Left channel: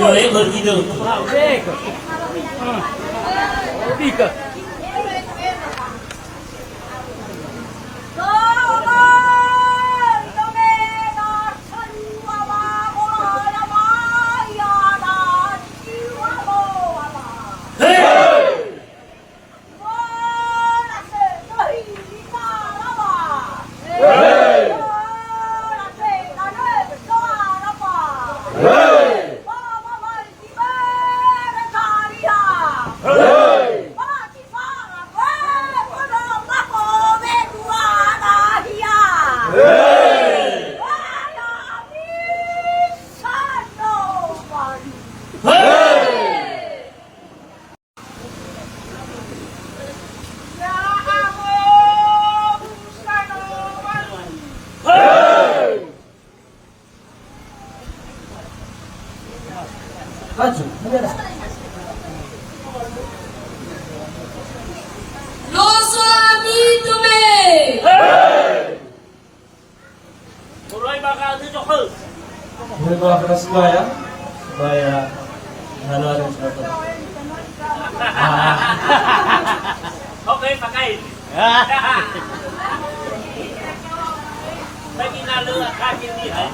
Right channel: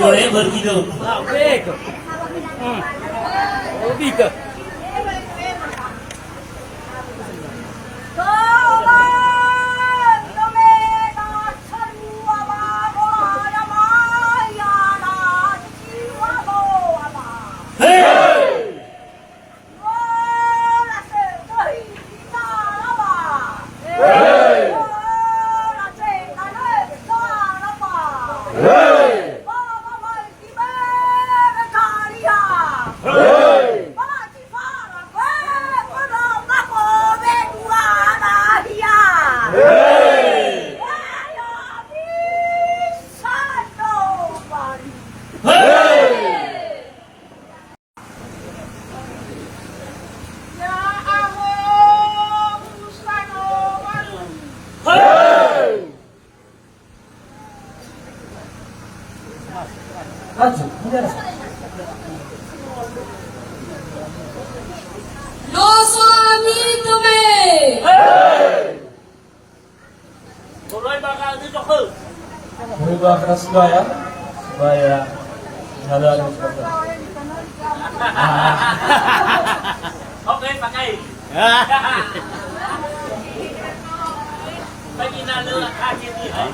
Boleh begitu. Lo suami तुम्हें Murai bakal itu kau. Berubah ke Surabaya, Surabaya, jalan seperti. Okay, pakai. Bagi nalu kaki ni ay.